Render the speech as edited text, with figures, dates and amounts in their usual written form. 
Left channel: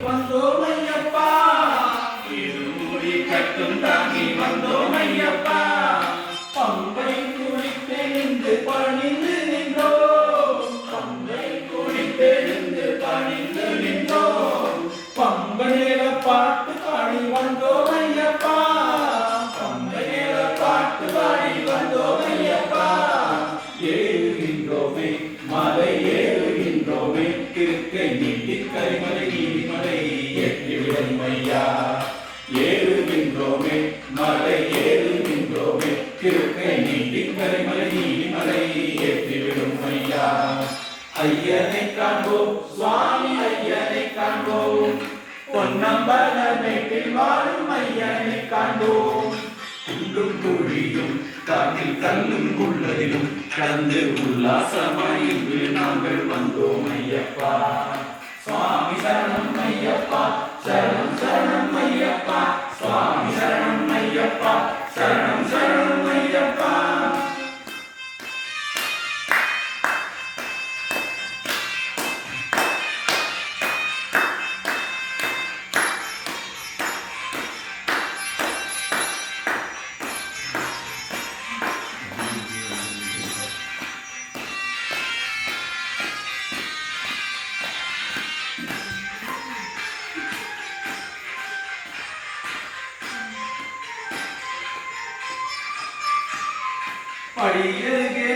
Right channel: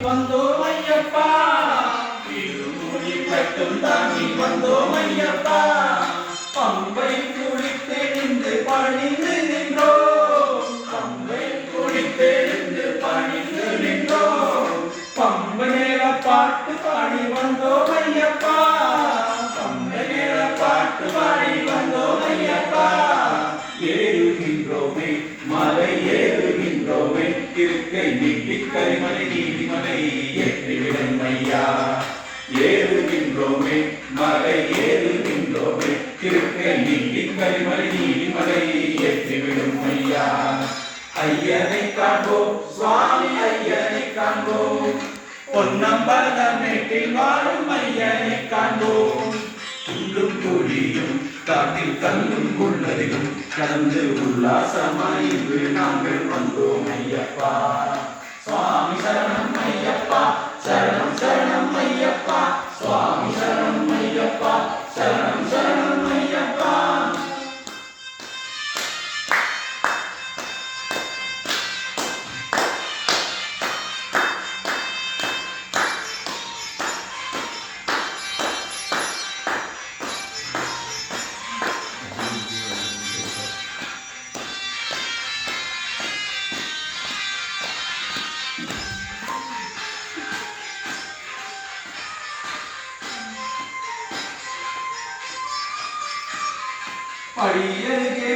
வந்தோமையப்பா இருமுடி கட்டும் தாங்கி வந்தோமையப்பா பம்பை குளித்தெழுந்து பணிந்து நின்றோம் பம்பை குளித்தெழுந்து பணிந்து நின்றோம் பம்பனேர பாட்டு பாடி வந்தோமையப்பா பம்பனேர பாட்டு பாடி வந்தோமையப்பா ஏறுகின்றோமே மலை ஏறுகின்றோமே இருக்கை நீட்டி கரிமலை நீதிமலை ஏற்றிவிடும் ஐயா ஏறுகின்றோமே மலை ஏறுகின்றோமே இருக்கை நீட்டி கரிமலை நீதிமலை ஏற்றிவிடும் ஐயா ஐயனை காண்போம் சுவாமி ஐயனை காண்போம் பொன்னம்பலமேட்டில் வாழும் ஐயனை காண்போம் உள்ளும் கூடியும் காட்டில் தன்னும் குள்ளதிலும் கலந்து உல்லாசமாய் நாங்கள் வந்தோம் ஐயப்பா சுவாமி சரணம் ஐயப்பா சரணம் சரணம் ஐயப்பா சுவாமி சரணம் ஐயப்பா சரணம் சரணம் ஐயப்பா படியருகே